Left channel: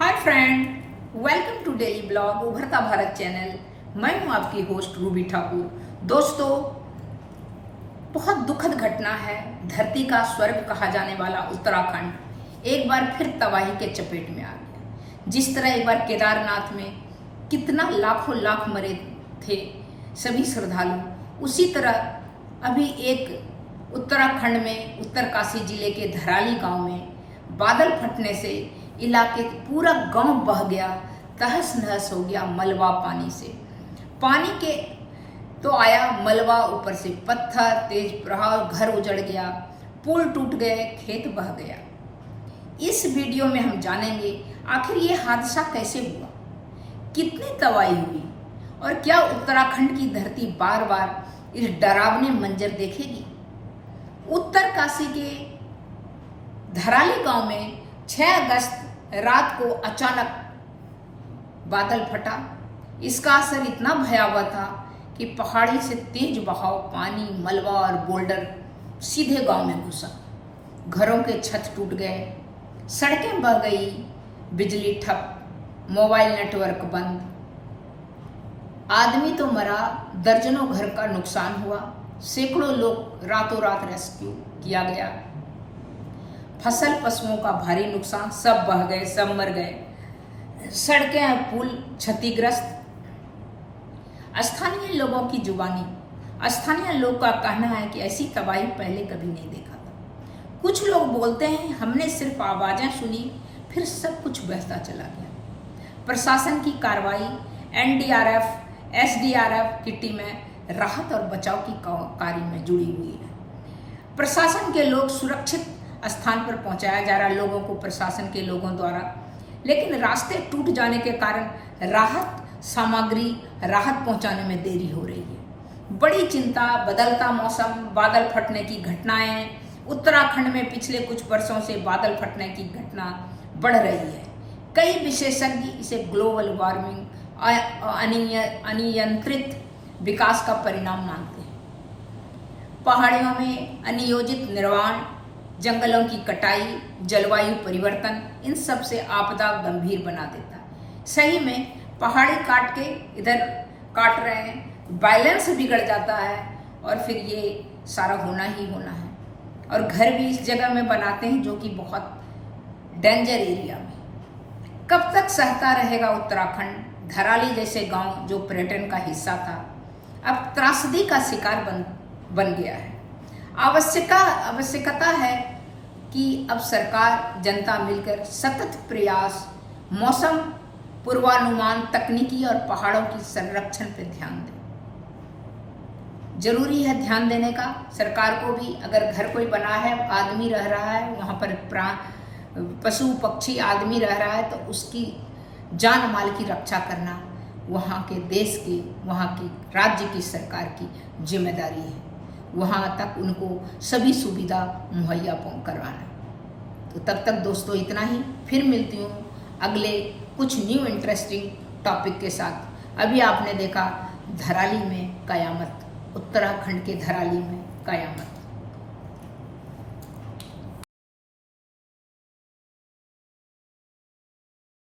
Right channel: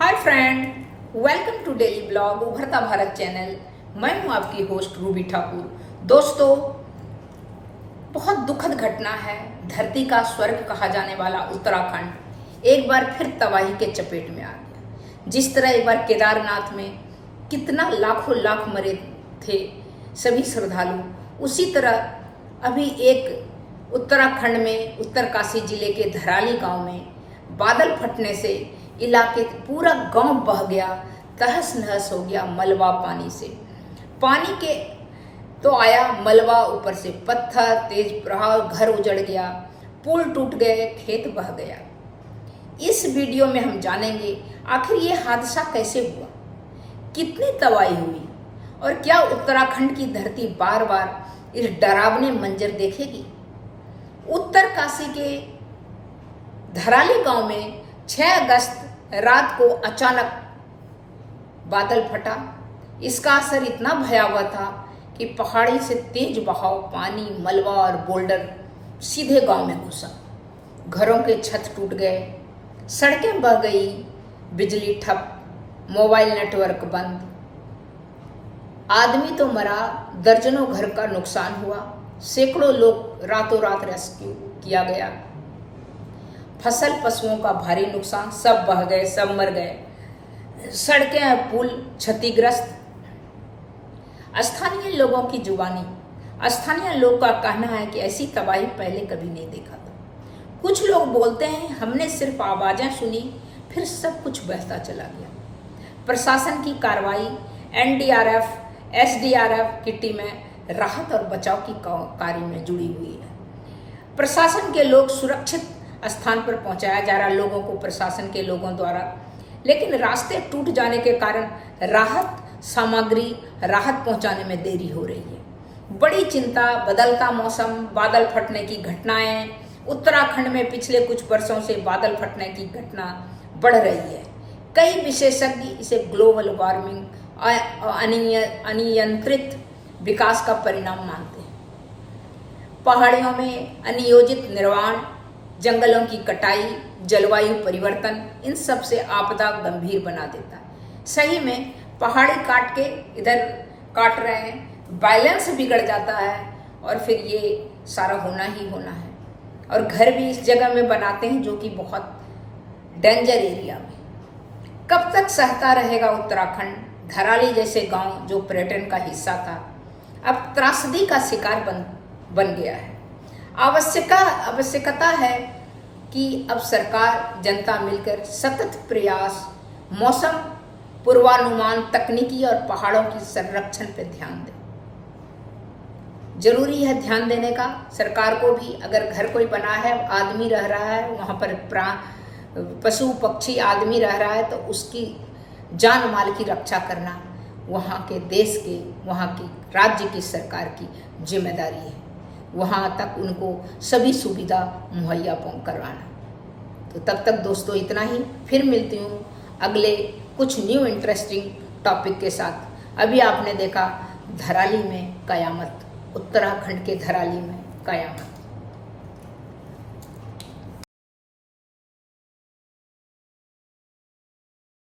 Hi friend, welcome to daily blog उभरता Bharat channel. मैं हूं आपकी होस्ट रूबी ठाकुर। दोस्तों, बहुत दुखद घटना है। धरती का स्वर्ग कहा जाने वाला उत्तराखंड एक बार फिर तबाही के चपेट में आ गया। जिस तरह एक बार केदारनाथ में कितना लाखों लाख मरे थे सभी श्रद्धालु, उसी तरह अभी एक उत्तराखंड में उत्तरकाशी जिले के धराली गांव में बादल फटने से इलाके पूरा गांव बह गया, तहस नहस हो गया मलबा पानी से। पानी के तो आया मलबा, ऊपर से पत्थर, तेज प्रवाह, घर उजड़ गया, पुल टूट गए, खेत बह गया। इस वीडियो में हम जानेंगे आखिर ये हादसा कैसे हुआ, कितनी तबाही हुई और क्या उत्तराखंड की धरती बार बार इस डरावने मंजर देखेगी। उत्तरकाशी के धराली गांव में 6 अगस्त रात को अचानक बादल फटा। इसका असर इतना भयावह था कि पहाड़ी से तेज बहाव पानी, मलबा और बोल्डर सीधे गांव में घुसा। घरों के छत टूट गए, सड़कें बह गई, बिजली ठप, मोबाइल नेटवर्क बंद। आदमी तो मरा, दर्जनों घर का नुकसान हुआ, सैकड़ों लोग रातों रात रेस्क्यू किया गया। फसल पशुओं का भारी नुकसान, सब बह गए, सब मर गए। सड़कें और पुल क्षतिग्रस्त। स्थानीय लोगों की जुबानी, स्थानीय लोग का कहना है कि ऐसी तबाही पहले कभी नहीं देखा था। कुछ लोग बोलते हैं हमने सिर्फ आवाजें सुनी, फिर सब कुछ बहता चला गया। प्रशासन की कार्रवाई, एनडीआरएफ, एसडीआरएफ की टीमें राहत और बचाव की कार्य में जुड़ी हुई है। प्रशासन के लोग सुरक्षित स्थान पर पहुंचाया जा रहा लोगों को प्रशासन के लोगों द्वारा, लेकिन रास्ते टूट जाने के कारण राहत सामग्री राहत पहुंचाने में देरी हो रही है। बड़ी चिंता, बदलता मौसम, बादल फटने की घटनाएं। उत्तराखंड में पिछले कुछ वर्षों से बादल फटने की घटना बढ़ रही है। कई विशेषज्ञ इसे ग्लोबल वार्मिंग, अनियंत्रित विकास का परिणाम मानते हैं। पहाड़ियों में अनियोजित निर्माण, जंगलों की कटाई, जलवायु परिवर्तन, इन सब से आपदा गंभीर बना देता है। सही में पहाड़ी काट के इधर काट रहे हैं, बैलेंस बिगड़ जाता है और फिर ये सारा होना ही होना है। और घर भी इस जगह में बनाते हैं जो कि बहुत डेंजर एरिया में। कब तक सहता रहेगा उत्तराखंड? धराली जैसे गांव जो पर्यटन का हिस्सा था, अब त्रासदी का शिकार बन गया है। आवश्यकता है कि अब सरकार, जनता मिलकर सतत प्रयास, मौसम पूर्वानुमान, तकनीकी और पहाड़ों की संरक्षण पर ध्यान दे। जरूरी है ध्यान देने का। सरकार को भी, अगर घर कोई बना है, आदमी रह रहा है वहां पर, पशु पक्षी आदमी रह रहा है, तो उसकी जान माल की रक्षा करना वहाँ के देश के, वहाँ की राज्य की सरकार की जिम्मेदारी है। वहाँ तक उनको सभी सुविधा मुहैया करवाना। तो तब तक दोस्तों इतना ही, फिर मिलती हूँ अगले कुछ न्यू इंटरेस्टिंग टॉपिक के साथ। अभी आपने देखा धराली में कयामत, उत्तराखंड के धराली में कयामत।